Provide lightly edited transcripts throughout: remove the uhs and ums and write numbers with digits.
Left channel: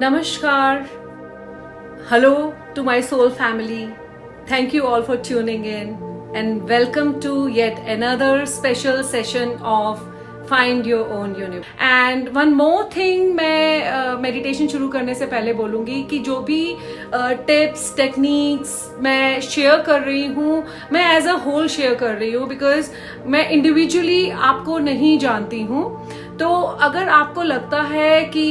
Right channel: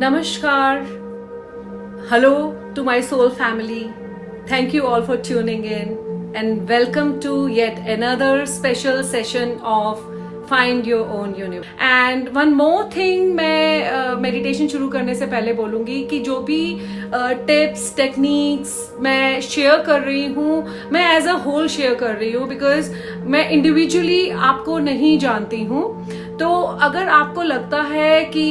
Namaskar. Hello to my soul family. Thank you all for tuning in and welcome to yet another special session of Find Your Own Universe. And one more thing मैं meditation शुरू करने से पहले बोलूँगी कि जो भी tips techniques मैं शेयर कर रही हूँ मैं एज अ होल शेयर कर रही हूँ बिकॉज मैं इंडिविजुअली आपको नहीं जानती हूँ. तो अगर आपको लगता है कि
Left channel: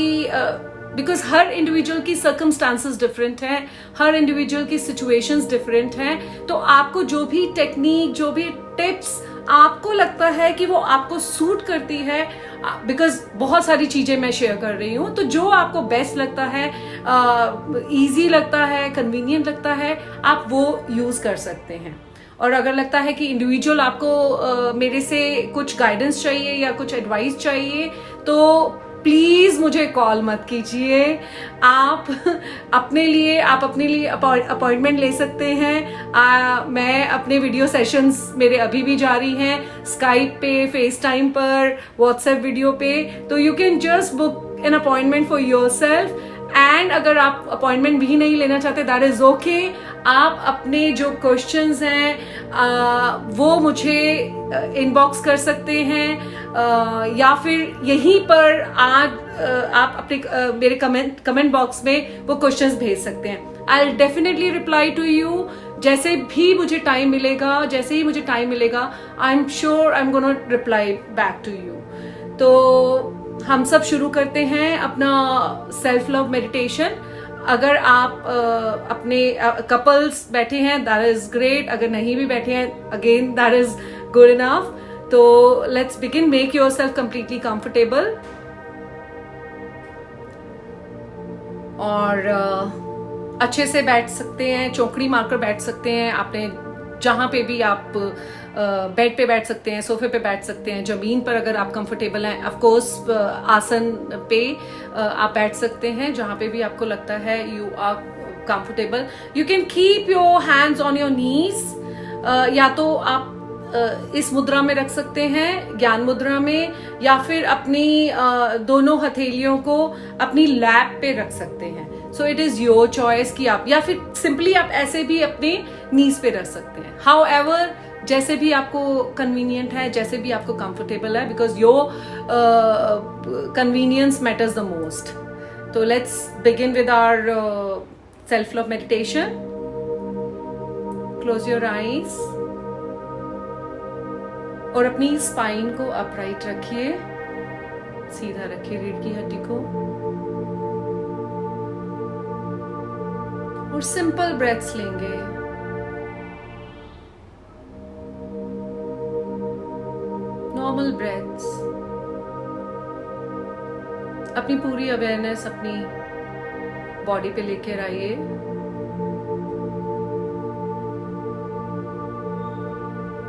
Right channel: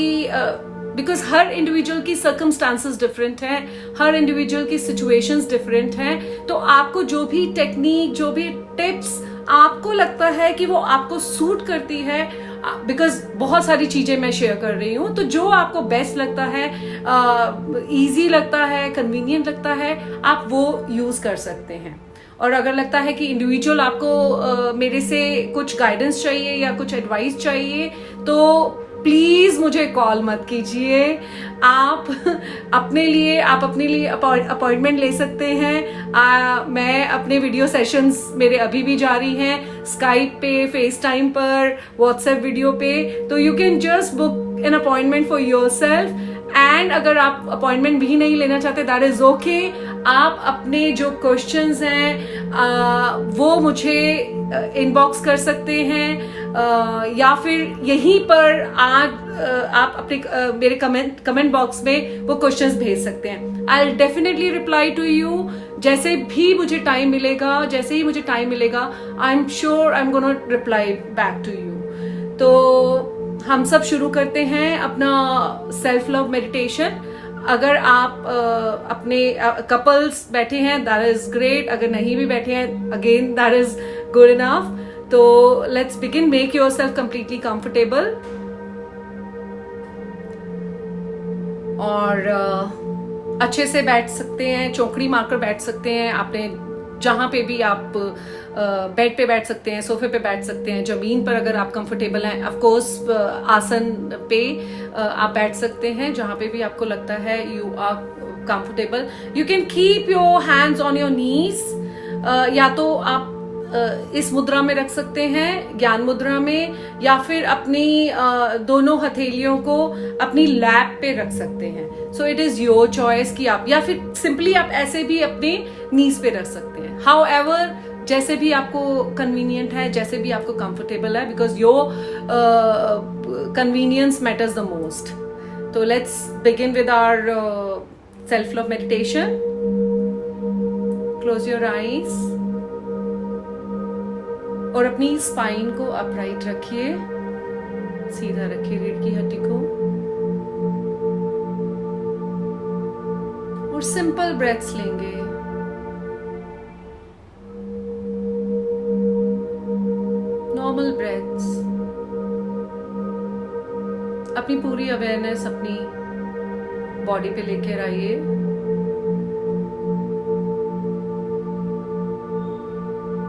बिकॉज हर इंडिविजुअल की सर्कमस्टांसेस डिफरेंट हैं, हर इंडिविजुअल की सिचुएशंस डिफरेंट हैं, तो आपको जो भी टेक्निक जो भी टिप्स आपको लगता है कि वो आपको सूट करती है, बिकॉज बहुत सारी चीजें मैं शेयर कर रही हूँ, तो जो आपको बेस्ट लगता है, इजी लगता है, कन्वीनियंट लगता है, आप वो यूज कर सकते हैं. और अगर लगता है कि इंडिविजुअल आपको मेरे से कुछ गाइडेंस चाहिए या कुछ एडवाइस चाहिए तो प्लीज मुझे कॉल मत कीजिए. आप अपने लिए अपॉइंटमेंट ले सकते हैं. मैं अपने वीडियो सेशंस मेरे अभी भी जारी हैं स्काइप पे, फेस टाइम पर, व्हाट्सएप वीडियो पे, तो you can just book an appointment for yourself. And अगर आप अपॉइंटमेंट भी नहीं लेना चाहते दैट इज ओके. आप अपने जो क्वेश्चंस हैं वो मुझे इनबॉक्स कर सकते हैं या फिर यहीं पर आज आप अपने मेरे कमेंट बॉक्स में वो क्वेश्चंस भेज सकते हैं. I will definitely reply to you जैसे भी मुझे टाइम मिलेगा. जैसे ही मुझे टाइम मिलेगा I am sure I am gonna reply back to you. तो हम सब शुरू करते हैं अपना सेल्फ लव मेडिटेशन. अगर आप अपने कपल्स बैठे हैं दैट इज ग्रेट. अगर नहीं भी बैठे हैं again that is good enough. तो let's begin. Make yourself completely comfortable और अच्छे से बैठ सकते हैं, चौकड़ी मारकर बैठ सकते हैं. आपने जहां पे भी आप बेड पे बैठ सकते हैं, सोफे पे बैठ सकते हैं, जमीन पर अगर आप कंफर्टेबल हैं, ऑफ कोर्स आसन पे आप बैठ सकते हैं. जहां पे भी आपको लगता है you are comfortable. You can keep your hands on your knees. या तो आप इस मुद्रा में रख सकते हैं, ज्ञान मुद्रा में, या फिर अपनी दोनों हथेलियों को अपनी लैप पे रख सकते हैं. So it is your choice कि आप, या फिर सिंपली आप ऐसे भी अपने नीज पे रख सकते हैं. हाउ एवर जैसे भी आपको कन्वीनियंट है, जैसे भी आपको कंफर्टेबल है, because your convenience matters the most. तो let's begin with our self love meditation. Close your eyes और अपनी स्पाइन को अपराइट रखिए, सीधा रखिए रीढ़ की हड्डी को, और सिंपल ब्रेथ्स लेंगे. Normal breaths. अपनी पूरी अवेयरनेस अपनी बॉडी पे लेकर आइए.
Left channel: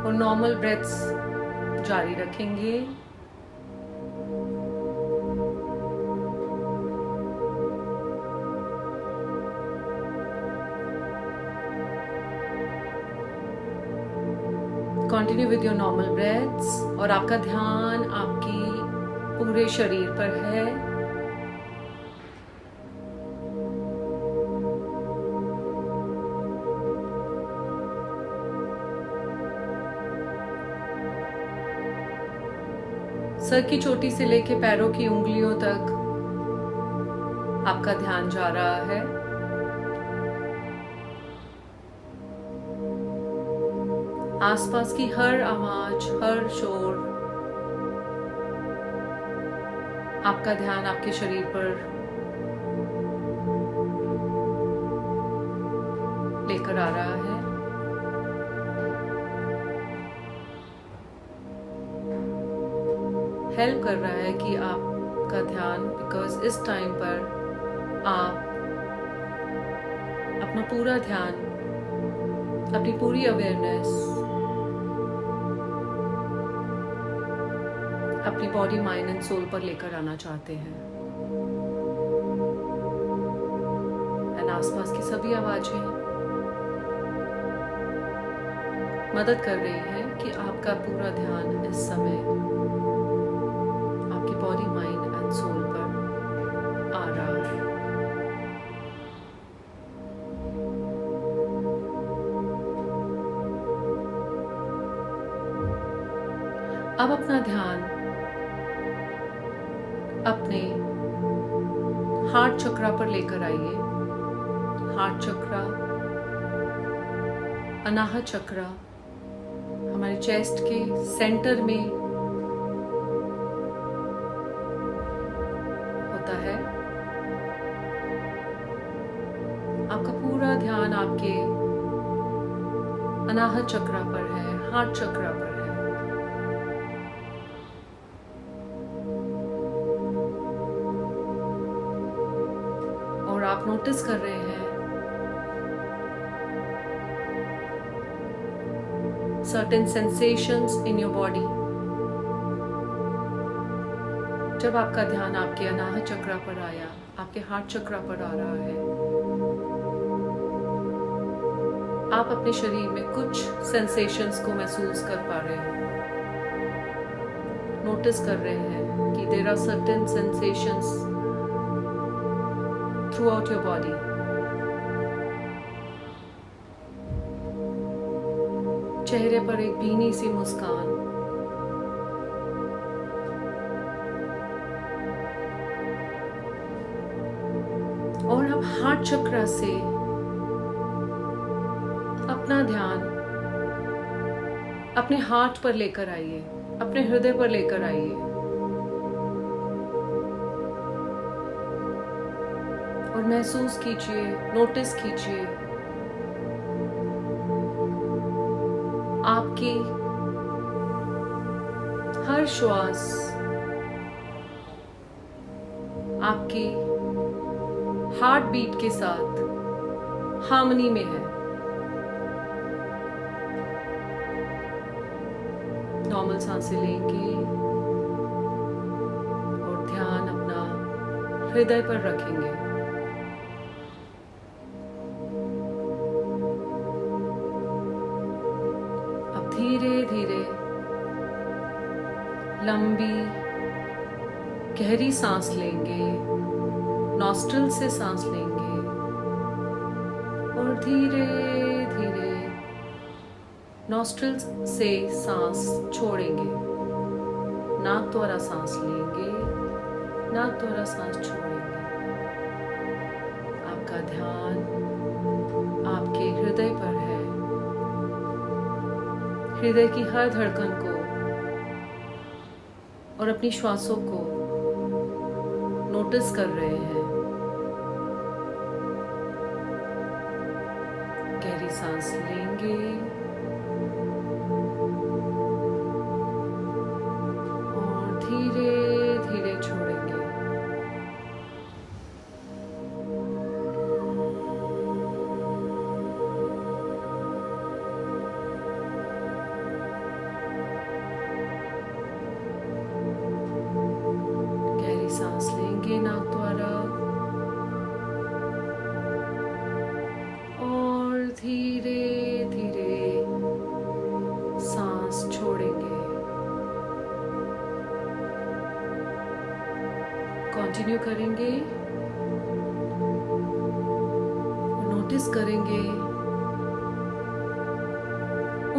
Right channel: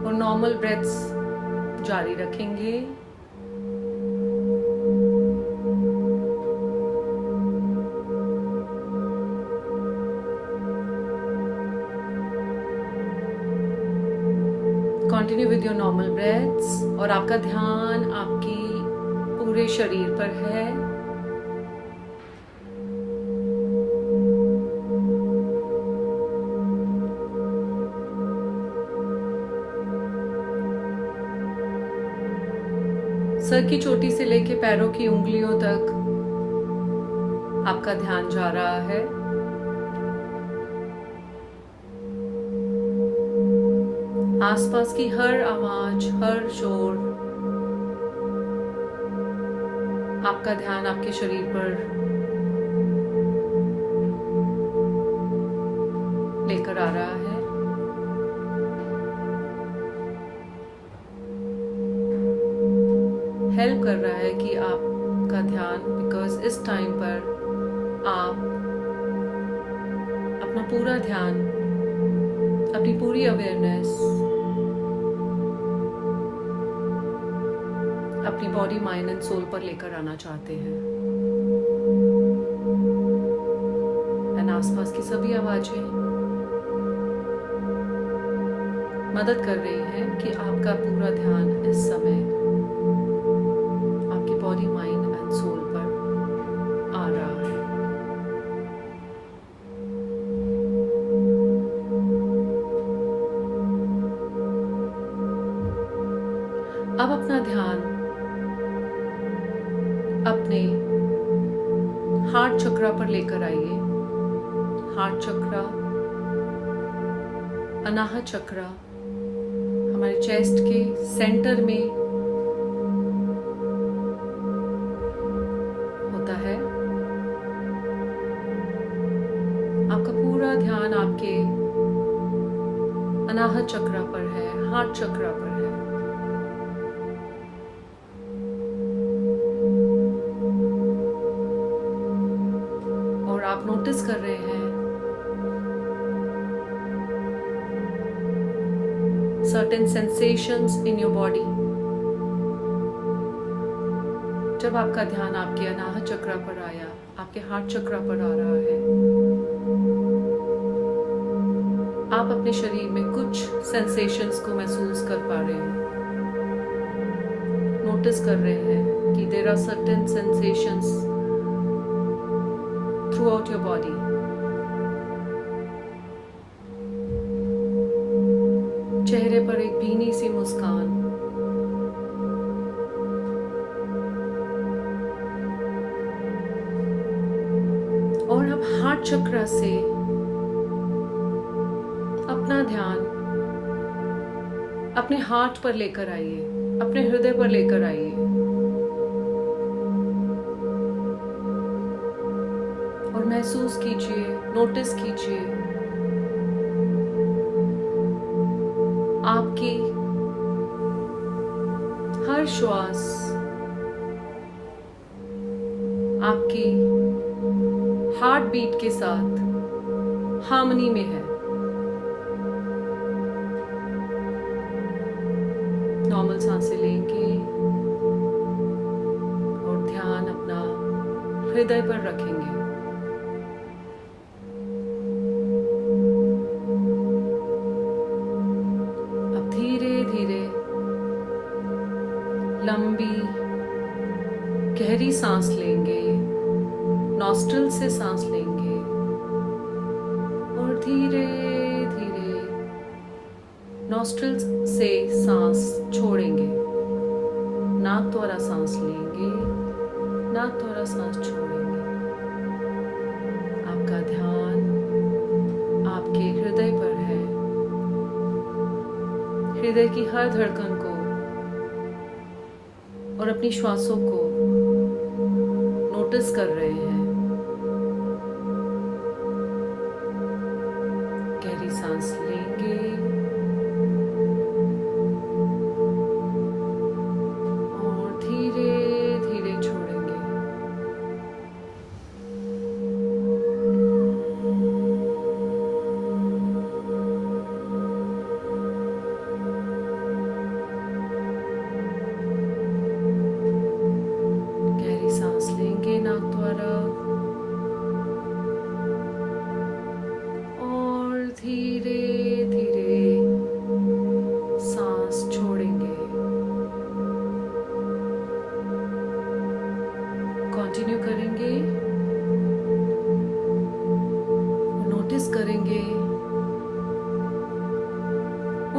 और नॉर्मल ब्रेथ्स जारी रखेंगे. Continue with your normal breaths. और आपका ध्यान आपकी पूरे शरीर पर है. सर की चोटी से लेके पैरों की उंगलियों तक आपका ध्यान जा रहा है. आसपास की हर आवाज, हर शोर आपका ध्यान आपके शरीर पर लेकर आ रहा है. हेल्प कर रहा है कि आपका ध्यान, बिकॉज इस टाइम पर आप अपना पूरा ध्यान, अपनी पूरी अवेयरनेस अपनी बॉडी, माइंड एंड सोल पर लेकर आना चाहते हैं. एंड आसपास की सभी आवाजें मदद कर रही हैं कि आपका पूरा ध्यान इस समय आपकी बॉडी, माइंड एंड सोल पर आ रहा है. अब अपना ध्यान अपने हार्ट चक्रा पर लेकर आइए। हार्ट चक्रा, अनाहत चक्रा हमारे चेस्ट के सेंटर में होता है। आपका पूरा ध्यान आपके अनाहत चक्रा पर है, हार्ट चक्रा पर है। और आप नोटिस कर रहे हैं certain sensations in your body। जब आपका ध्यान आपके अनाहत चक्रा पर आया, आपके हार्ट चक्रा पर आ रहा है, आप अपने शरीर में कुछ सेंसेशंस को महसूस कर पा रहे हैं, नोटिस कर रहे हैं कि there are certain sensations throughout your body. चेहरे पर एक भीनी सी मुस्कान, और अब हार्ट चक्रा से अपना ध्यान अपने हार्ट पर लेकर आइए, अपने हृदय पर लेकर आइए, और महसूस कीजिए, नोटिस कीजिए आपकी हर श्वास आपकी हार्ट बीट के साथ हार्मनी में है। नॉर्मल सांसें लेंगे और ध्यान अपना हृदय पर रखेंगे। धीरे धीरे लंबी गहरी सांस लेंगे, नॉस्ट्रिल से सांस लेंगे और धीरे धीरे नॉस्ट्रिल से सांस छोड़ेंगे। नाक द्वारा सांस लेंगे, नाक द्वारा सांस छोड़ेंगे। आपका ध्यान आपके हृदय पर है। हृदय की हर धड़कन को और अपनी श्वासों को नोटिस कर रहे हैं। गहरी सांस लेंगे और धीरे धीरे छोड़ेंगे। सांस लेंगे नाक द्वारा और धीरे धीरे सांस छोड़ेंगे। कंटिन्यू करेंगे, नोटिस करेंगे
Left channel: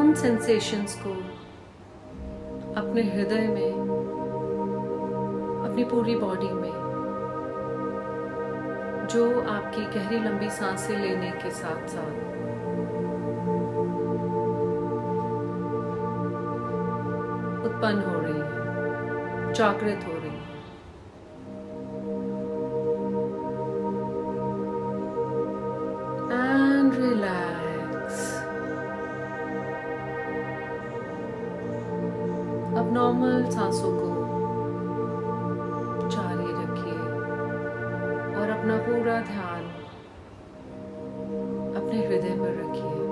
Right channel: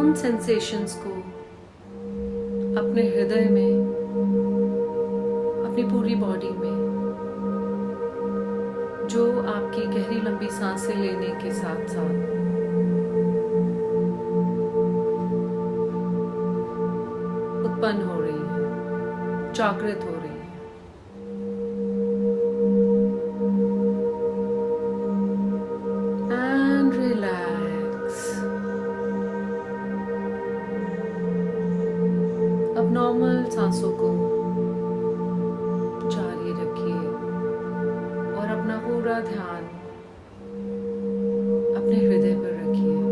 उन सेंसेशंस को अपने हृदय में, अपनी पूरी बॉडी में, जो आपकी गहरी लंबी सांसें लेने के साथ साथ उत्पन्न हो रही है, जागृत हो रही है। And relax. अब नॉर्मल सांसों को जारी रखिए और अपना पूरा ध्यान अपने हृदय पर रखिए।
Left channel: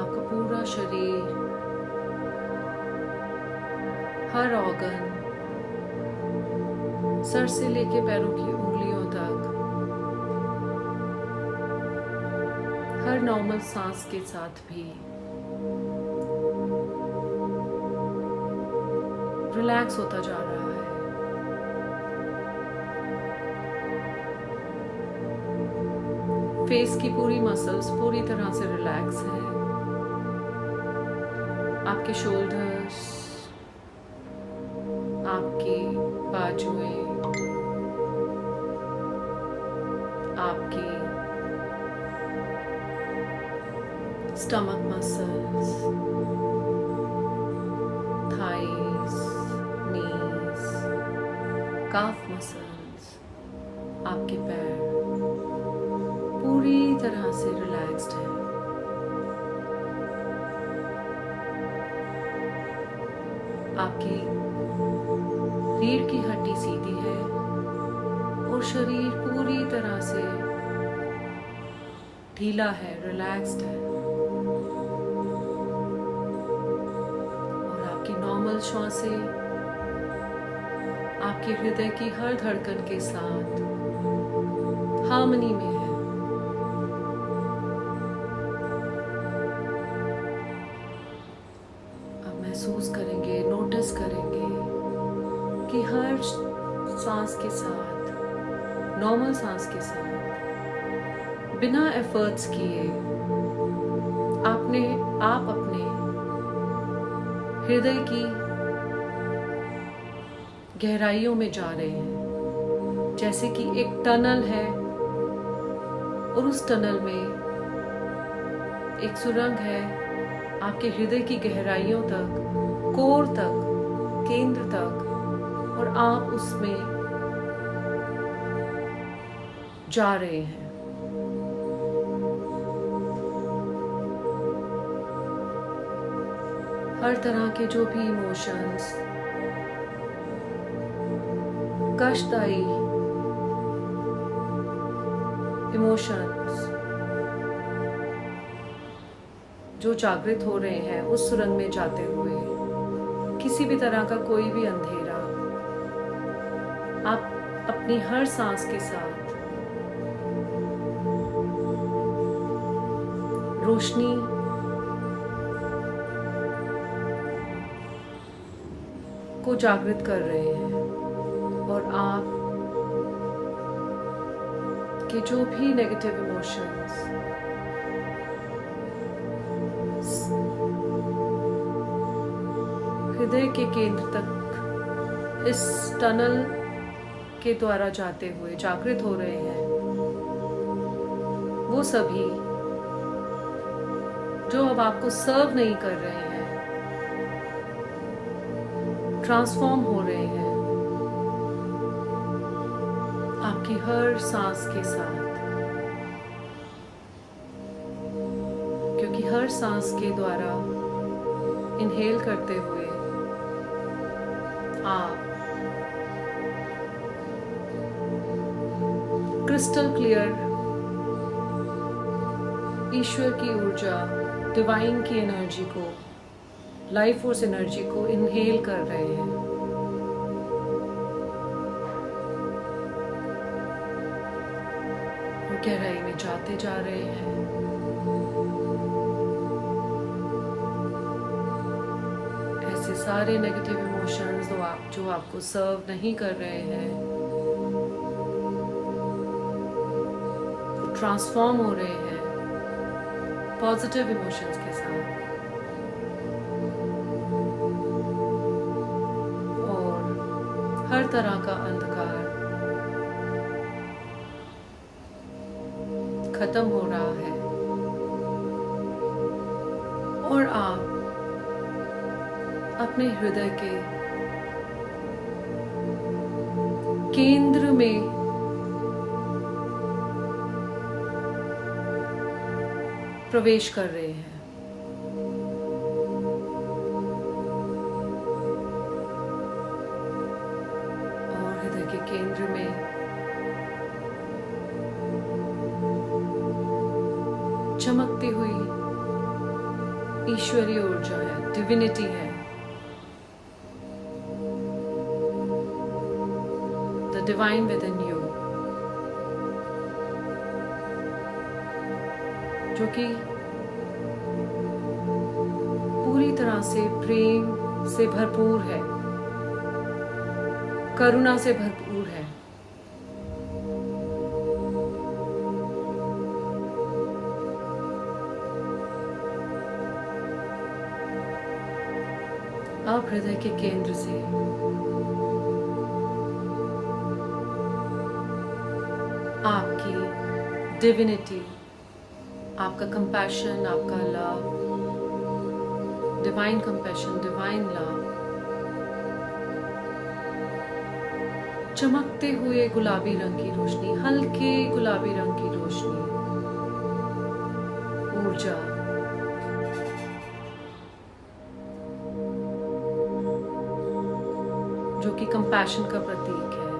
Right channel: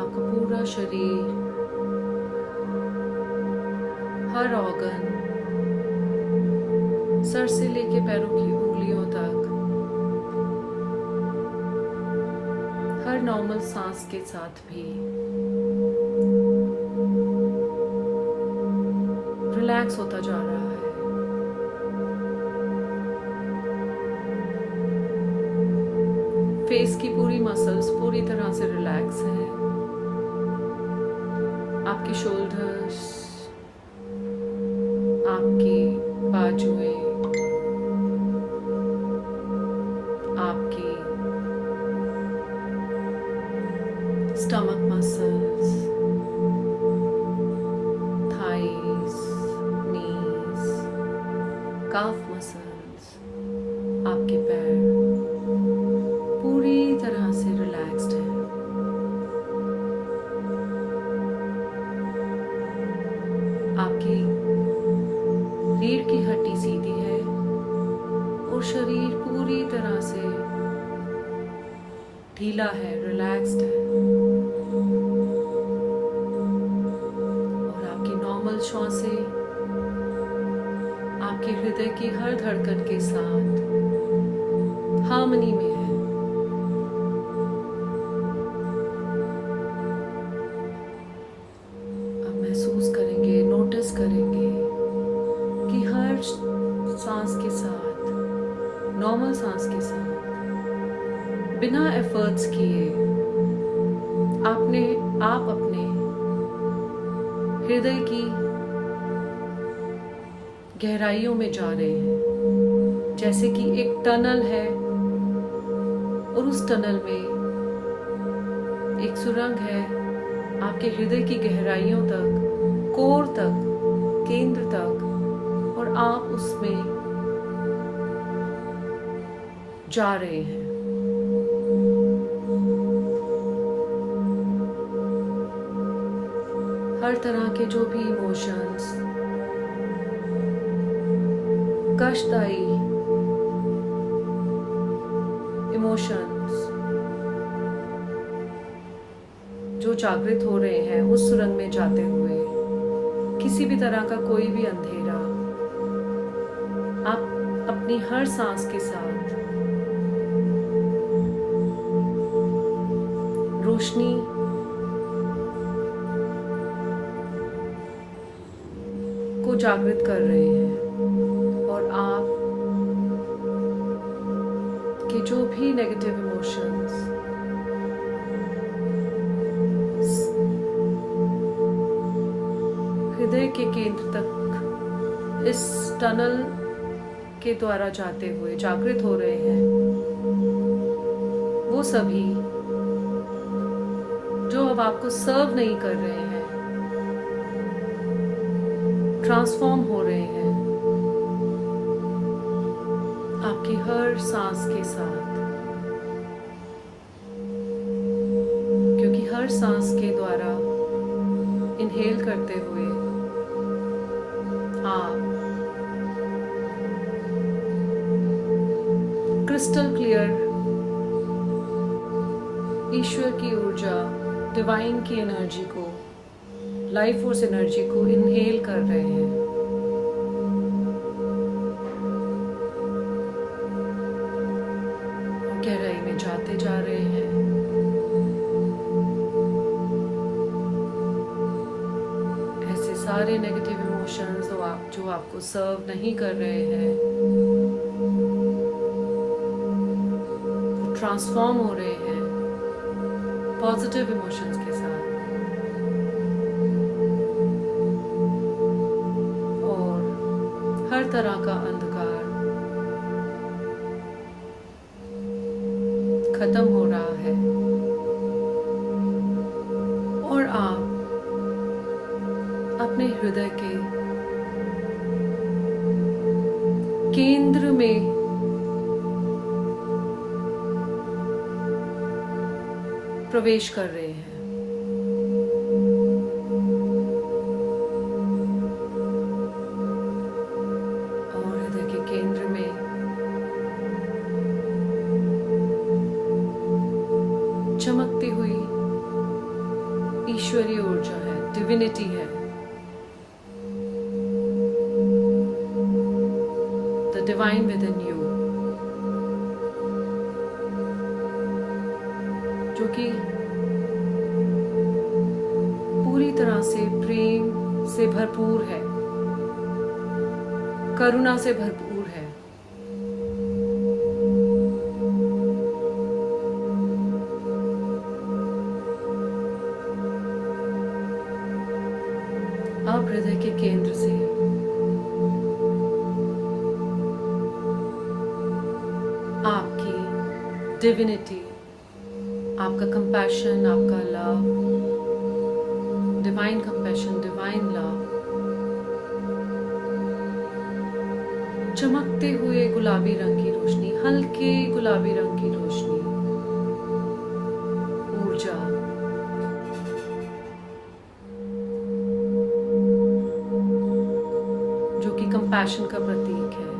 आपका पूरा शरीर, हर ऑर्गन, सर से लेके पैरों की उंगलियों तक, हर नॉर्मल सांस के साथ भी रिलैक्स होता जा रहा है। फेस की पूरी मसल्स पूरी तरह से रिलैक्स हैं। आपके शोल्डर्स, आपकी बाजुएं, आपकी स्टमक मसल्स, थाइस, नीज, काफ मसल्स, आपके पैर पूरी तरह से रिलैक्स्ड है। आपकी रीढ़ की हड्डी सीधी है और शरीर पूरी तरह से ढीला है, रिलैक्स्ड है। और आपकी नॉर्मल श्वासें आपके हृदय की हर धड़कन के साथ हार्मनी में है। अब महसूस करेंगे, नोटिस करेंगे कि हर सांस के साथ, नॉर्मल सांस के साथ, बिना एफर्ट्स किए आप अपने हृदय की गहराइयों में जा रहे हैं। जैसे कि एक टनल है और उस टनल में एक सुरंग है आपके हृदय की गहराइयों तक, कोर तक, केंद्र तक, और आप उसमें जा रहे हैं। हर तरह के जो भी इमोशंस, कष्टदायी इमोशंस जो जागृत हो रहे हैं उस सुरंग में जाते हुए, किसी भी तरह का कोई भी अंधेरा आप अपनी हर सांस के साथ रोशनी को जागृत कर रहे हैं। और आप के जो भी नेगेटिव इमोशंस हृदय के केंद्र तक इस टनल के द्वारा जाते हुए जागृत हो रहे हैं, वो सभी जो अब आपको सर्व नहीं कर रहे हैं, ट्रांसफॉर्म हो रहे हैं आपकी हर सांस के साथ। क्योंकि हर सांस के द्वारा इनहेल करते हुए आप क्रिस्टल क्लियर ईश्वर की ऊर्जा, डिवाइन की एनर्जी को, लाइफ फोर्स एनर्जी को इनहेल कर रहे हैं। और गहराई में जाते जा रहे हैं। ऐसे सारे नेगेटिव इमोशंस जो आपको सर्व नहीं कर रहे हैं, वो ट्रांसफॉर्म हो रहे हैं पॉजिटिव इमोशंस के साथ। हर तरह का अंधकार खत्म हो रहा है और आप अपने हृदय के केंद्र में प्रवेश कर रहे हैं। केंद्र में चमकती हुई ईश्वरीय ऊर्जा है, डिविनिटी है, the divine with in you, जो कि पूरी तरह से प्रेम से भरपूर है, करुणा से भरपूर है। आप हृदय के केंद्र से आपकी डिविनिटी, आपका कंपैशन, आपका love, divine compassion, divine love, चमकते हुए गुलाबी रंग की रोशनी, हल्के गुलाबी रंग की रोशनी, ऊर्जा जो कि कंपैशन का प्रतीक है,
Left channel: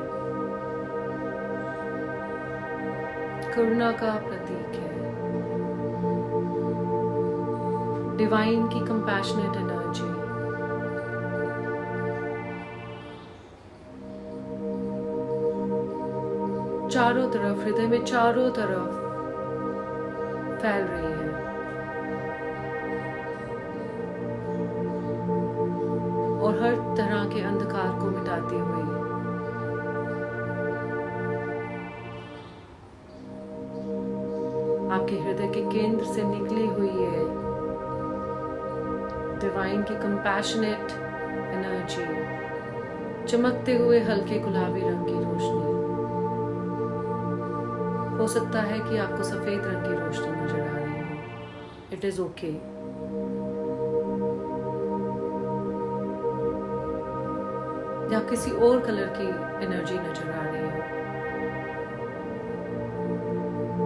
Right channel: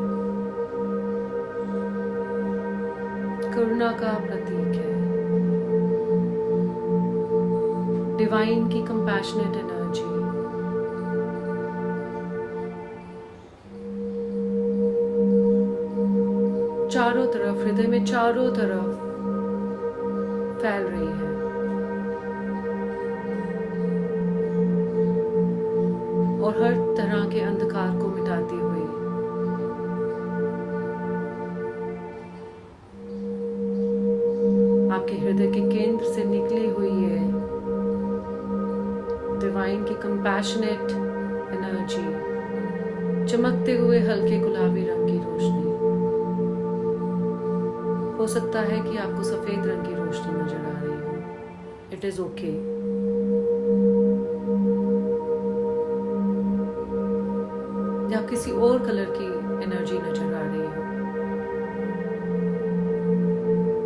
करुणा का प्रतीक है, डिवाइन की कंपैशनेट एनर्जी, चारों तरफ, हृदय में चारों तरफ फैल रही है। और हर तरह के अंधकार को मिटाती हुई आपके हृदय के केंद्र से निकली हुई है डिवाइन की कंपैशनेट एनर्जी, चमकते हुए हल्के गुलाबी रंग की रोशनी। हो सकता है कि आपको सफेद रंग की रोशनी नजर आ रही हो, इट इज ओके। या किसी और कलर की एनर्जी नजर आ रही हो,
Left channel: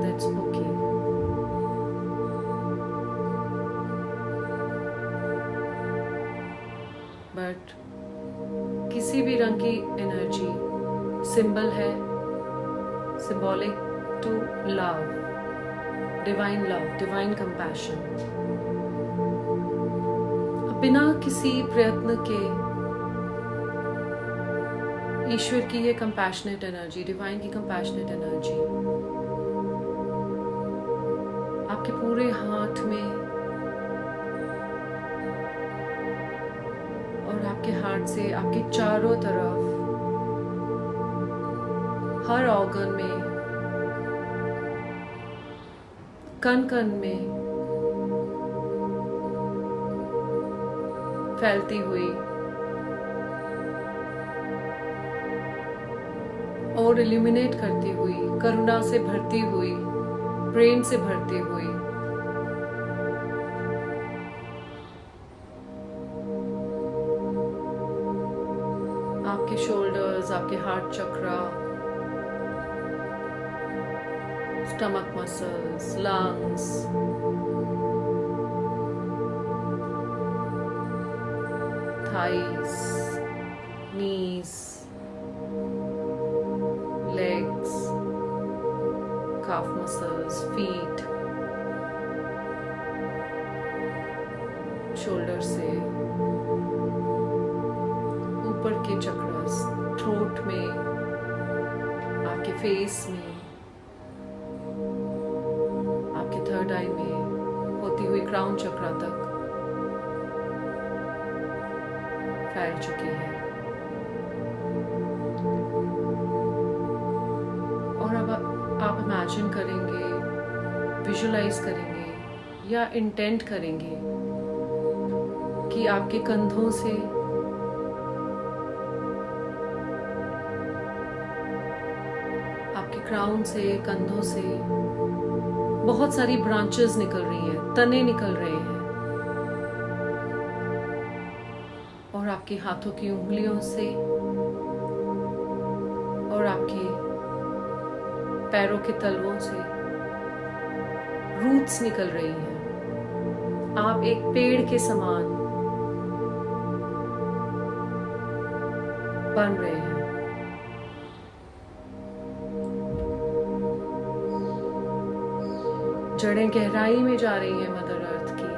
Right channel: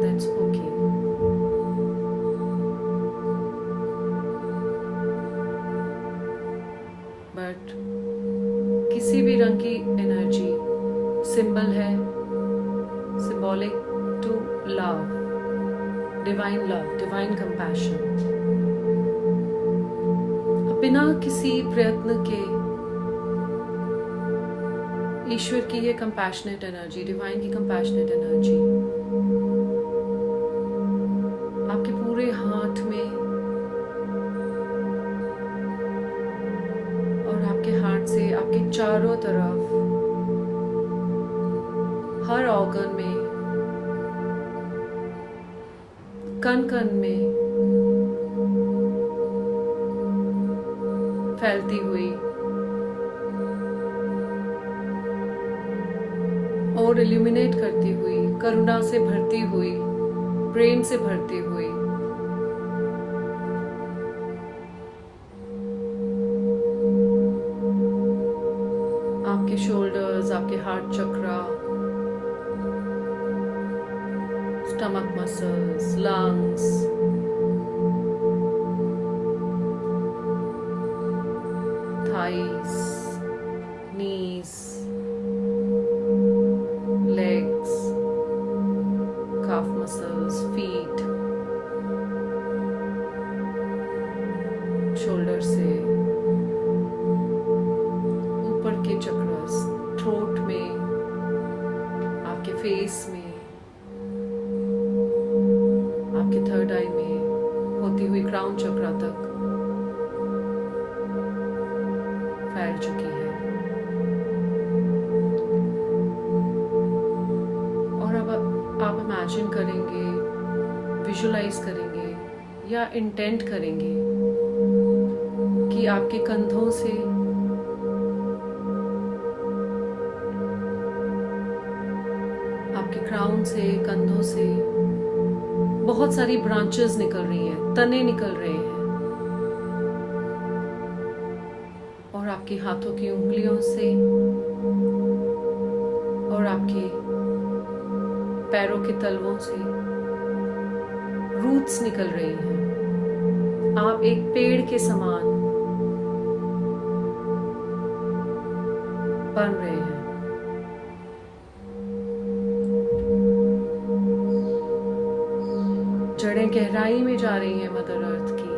दैट्स ओके। बट किसी भी रंग की एनर्जी सिंबल है, symbolic to love, divine compassion. अब बिना किसी प्रयत्न के ईश्वर की ये कंपैशनेट एनर्जी, डिवाइन की कंपैशनेट एनर्जी आपके पूरे हाथ में और आपके हाथ से आपके चारों तरफ, हर ऑर्गन में, कण कण में फैलती हुई और इल्यूमिनेट करती हुई, करुणा से भरती हुई, प्रेम से भरती हुई आपके शोल्डर्स, आपके हार्ट चक्रा, स्टमक मसल्स, लंग्स, थाइस, नीज, legs, calf muscles, feet, shoulder से ऊपर के चक्रस, थ्रोट में, आपके फेस में, आपके थर्ड आई में होती हुई क्राउन चक्रा तक फैल चुकी है। और अब आप इमेजिन करेंगे, विजुलाइज करेंगे या इंटेंट करेंगे कि आपके कंधों से आपके क्राउन से, कंधों से बहुत सारी ब्रांचेस निकल रही हैं, तने निकल रहे हैं और आपके हाथों की उंगलियों से और आपके पैरों के तलवों से रूट्स निकल रही हैं। आप एक पेड़ के समान बन रहे हैं। जड़ें गहराई में जा रही हैं मदर अर्थ की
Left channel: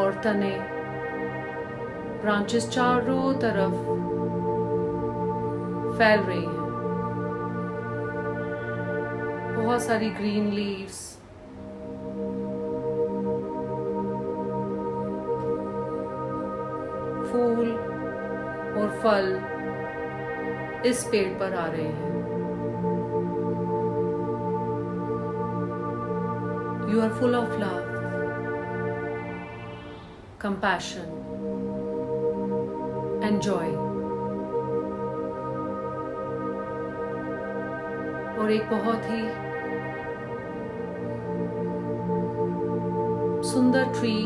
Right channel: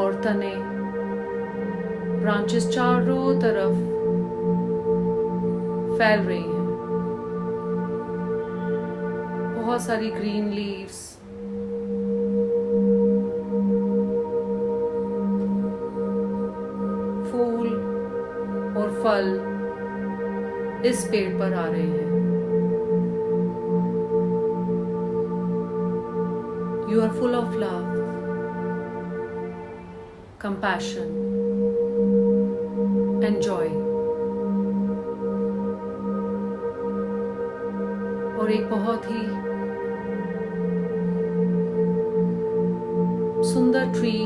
और तने, ब्रांचेस चारों तरफ फैल रही हैं। बहुत सारी ग्रीन लीव्स, फूल और फल इस पेड़ पर आ रहे हैं। You are full of love, compassion, and Joy. और एक बहुत ही सुंदर ट्री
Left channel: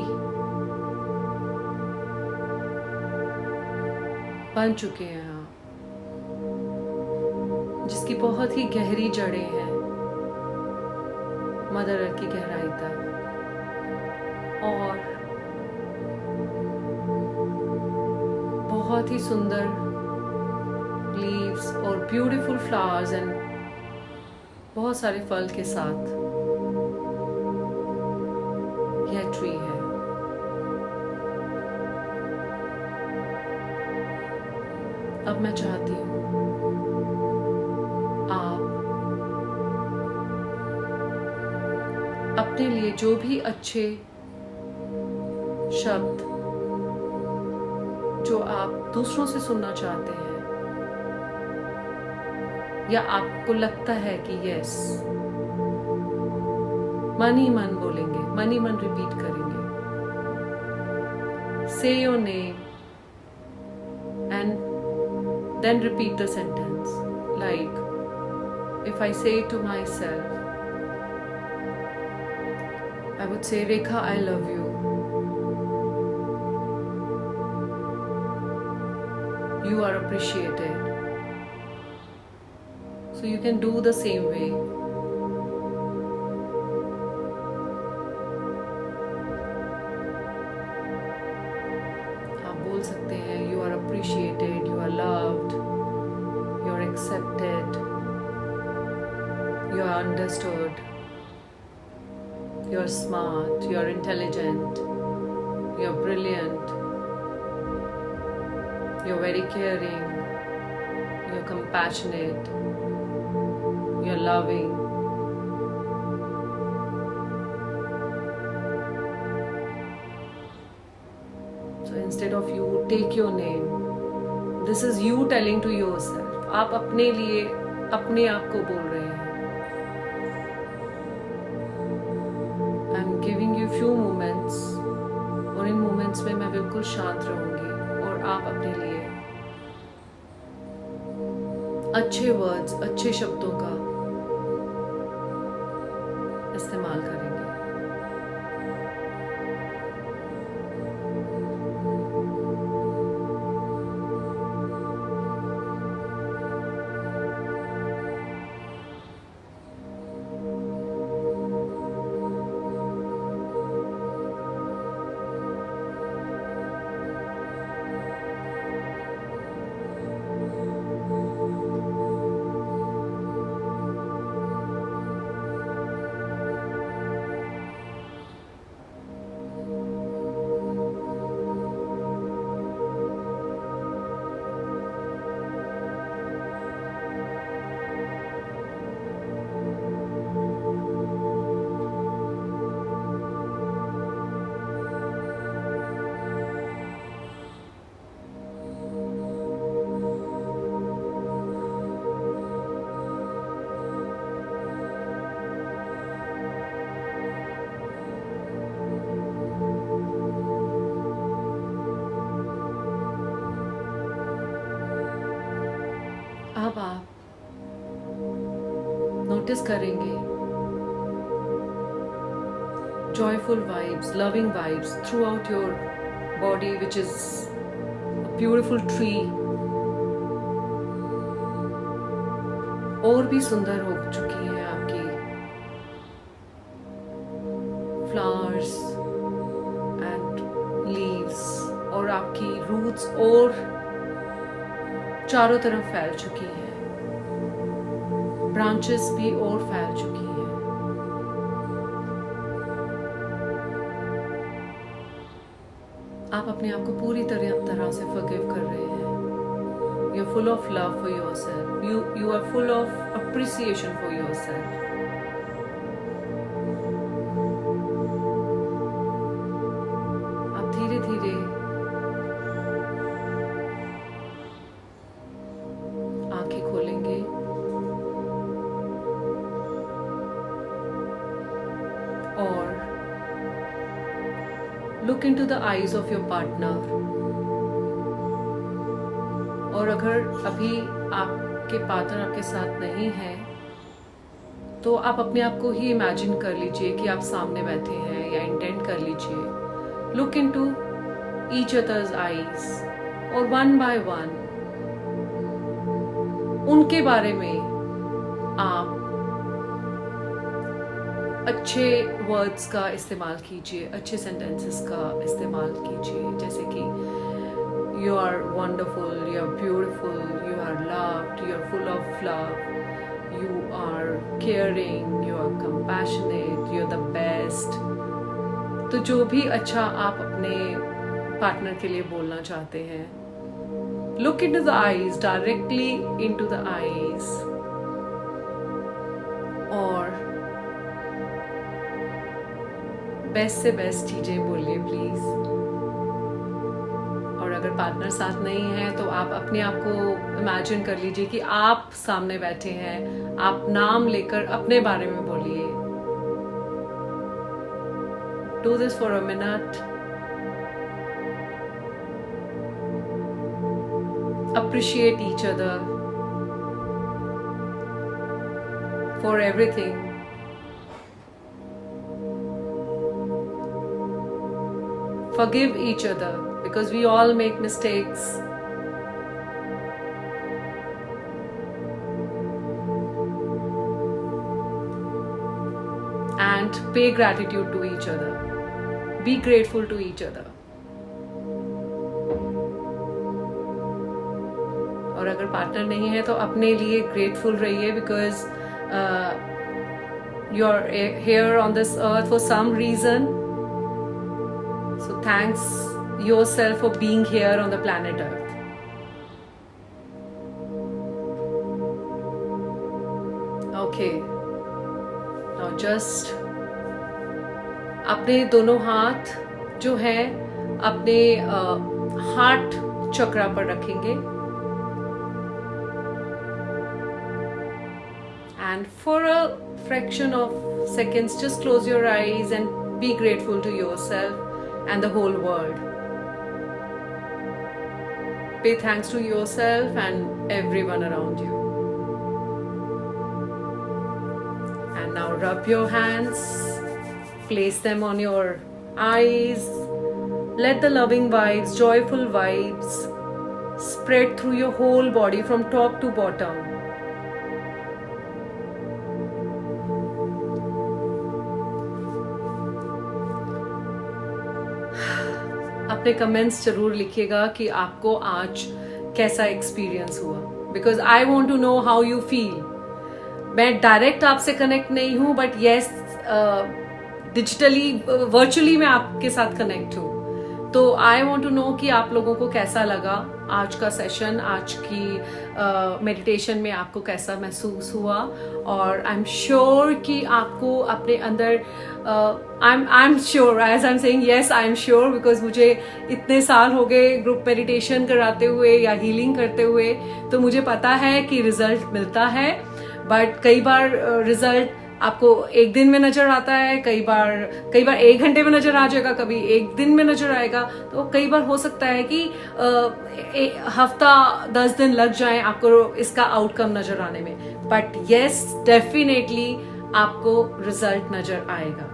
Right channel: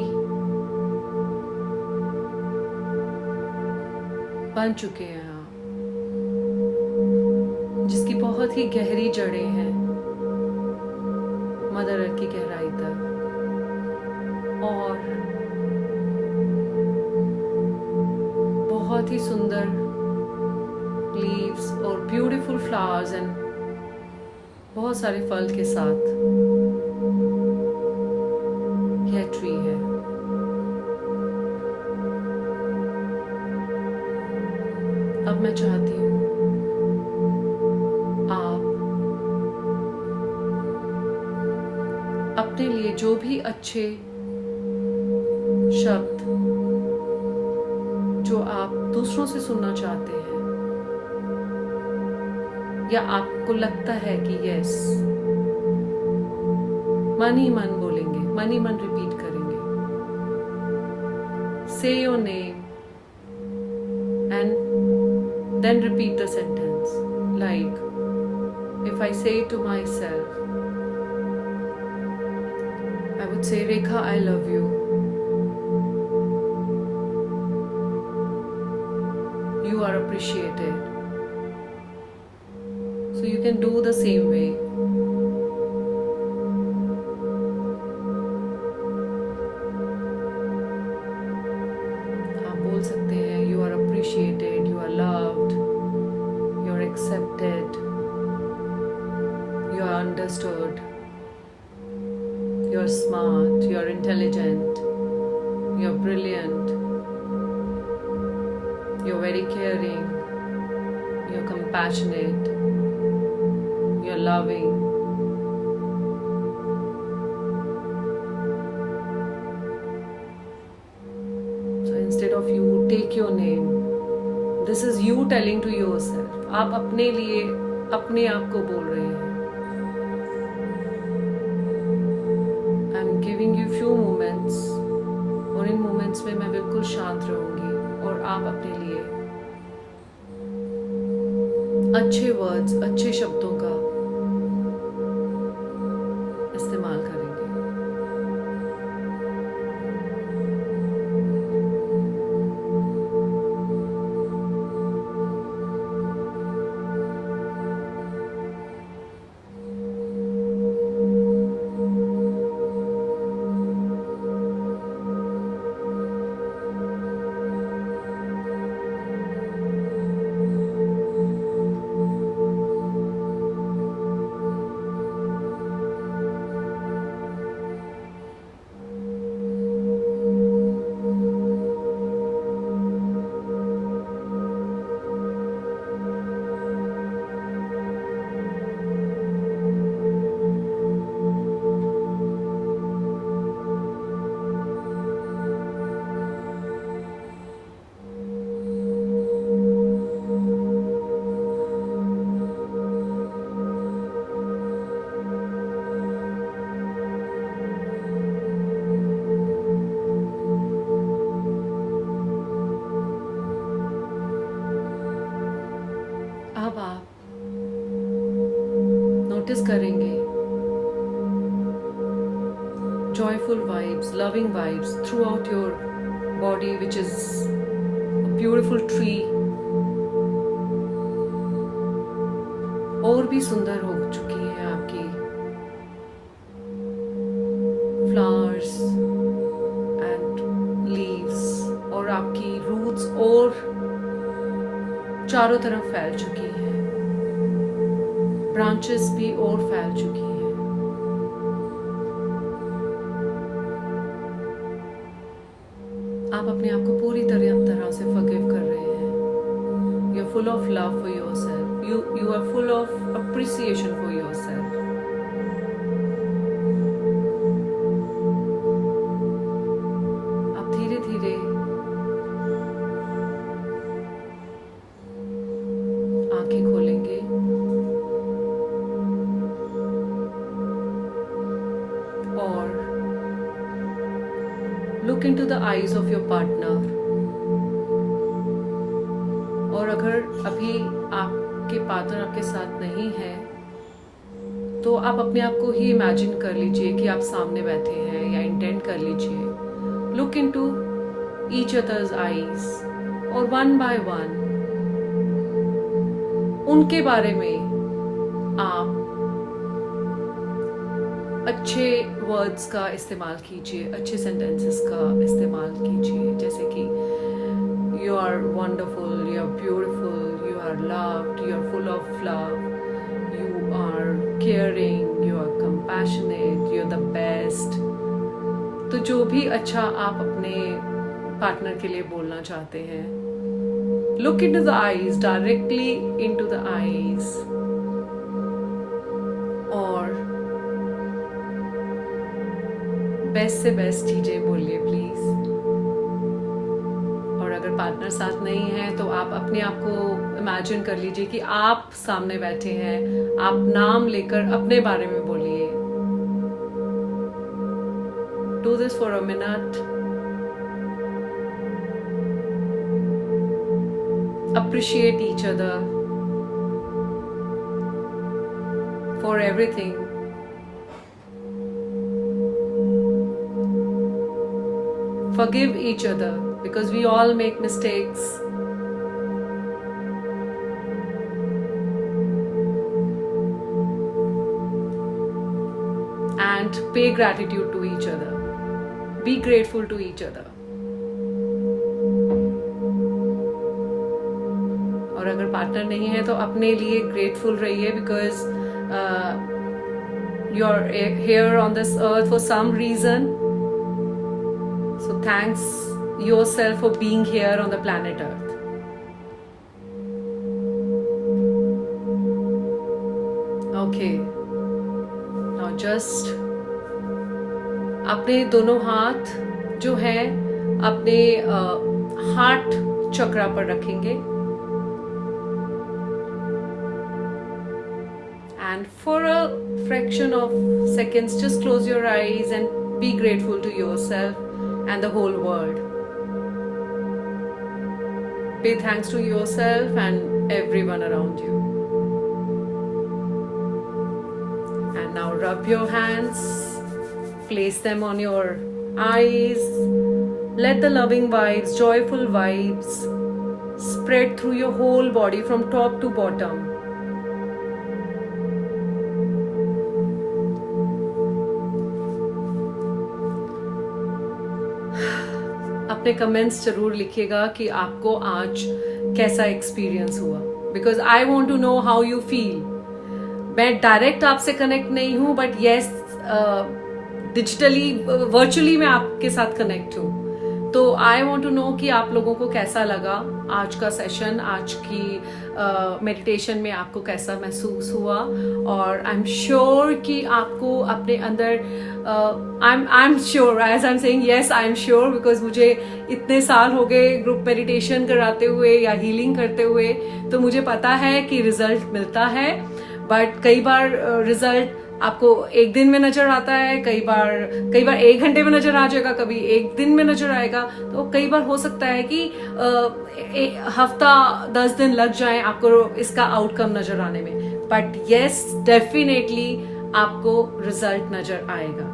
बन चुके हैं आप, जिसकी बहुत ही गहरी जड़ें हैं, मदर अर्थ की गहराई तक, और बहुत ही सुंदर लीव्स और ब्यूटीफुल फ्लावर्स एंड बहुत सारे फल के साथ यह ट्री है। अब मैं चाहती हूँ आप अपने लिए जो भी अच्छे शब्द जो आप दूसरों से सुनना चाहते हैं, या आपको लगता है कि यस, मन ही मन बोलेंगे, मन ही मन रिपीट करेंगे। से your name and then repeat the sentence, like if I say to myself, I would say, Rekha, I love you. You are appreciated. So you can do the same way. आप बोल सकते हैं, you are appreciated, you are loved, you are accepted, you are understood, you are smart, you are intelligent, you are brilliant, you are very caring, you are compassionate, you are loving. So instead of you, take your name. This is you telling to yourself. आप अपने लिए अपने आप को बोल रहे हैं। I'm giving you few moments, और इन moments में मैं बिल्कुल शांत रहूंगी और आप अपने लिए अच्छे वर्ड्स, अच्छे शब्दों का इस्तेमाल करेंगे। अब आप नोटिस करेंगे joyful vibes, loving vibes throughout your body, which is a beautiful tree. और भी सुंदर हो चुकी है आपकी flowers and leaves, और आपकी roots और चारों तरफ फैल चुकी हैं, ब्रांचेस भी और फैल चुकी हैं। आप अपने आप को पूरी तरह से फॉरगिव कर रहे हैं। You are full of love for yourself, you are full of appreciation for yourself. आप धीरे धीरे आंखें खोलेंगे और look into the eyes of your partner और अगर अभी आपके पार्टनर आपके साथ नहीं है तो आप अपने आप को ही इमेजिन कर लीजिए कि आप सामने बैठे हैं, या इंटेंट कर लीजिए, look into each others eyes और वन बाय वन उनके बारे में आप अच्छे वर्ड्स का इस्तेमाल कीजिए, अच्छे सेंटेंसेस का इस्तेमाल कीजिए, जैसे कि you are wonderful, you are beautiful, you are loved, you are full of love, you are caring, you are compassionate, you are the best. तो जो भी अच्छा आप अपने पार्टनर के लिए बोलना चाहते हैं, look into the eyes, directly into the eyes, और बेस्ट से बेस्ट चीजें बोलिए प्लीज। और अगर पार्टनर साथ नहीं है तो आप अपने आप को इमेजिन कर लीजिए कि आप सामने बैठे हैं, आप नाम लेकर अपने बारे में बोलिए। Do this for a minute. Appreciate each other for everything. Forgive each other because we all make mistakes. And pay gratitude to each other. Be grateful to each other. और अगर पार्टनर नहीं है तो अपने लिए ग्रेटफुल रहिए, because you are here on this earth for some reason. So thanks yourself for being here on the planet earth. Okay, now just अपने दोनों हाथ जो है अपने हार्ट चक्रा पर रखेंगे. And for a fraction of seconds, just close your eyes and be grateful to yourself and the whole world. Pay thanks to yourself and everyone around you. And now rub your hands, place them on your eyes. Let the loving vibes, joyful vibes spread through your whole body from top to bottom. अपने comments जरूर लिखिएगा कि आपको आज कैसा experience हुआ, because I want to know how you feel. मैं direct आपसे कनेक्ट नहीं हूँ, बट येस डिजिटली वर्चुअली मैं आपके साथ कनेक्ट हूँ. तो आई वॉन्ट टू नो कि आप लोगों को कैसा लगा आज का सेशन, आज की मेडिटेशन में आपको कैसा महसूस हुआ. और आई एम श्योर कि आपको अपने अंदर I am sure, as I am saying yes I am sure, because मुझे इतने साल हो गए ग्रुप मेडिटेशन कराते हुए या हीलिंग करते हुए, तो मुझे पता है कि रिजल्ट मिलता है. बट कई बार रिजल्ट आपको एक दिन में नजर आता है, कई बार 1 घंटे में नजर आ जाएगा, कभी 1 दिन में नजर आएगा. तो कई बार हो सकता है कि हफ्ता 10 दिन लग जाए आपको इसका आउटकम नजर आने में. बट येस डेफिनेटली आपको रिजल्ट नजर आएगा.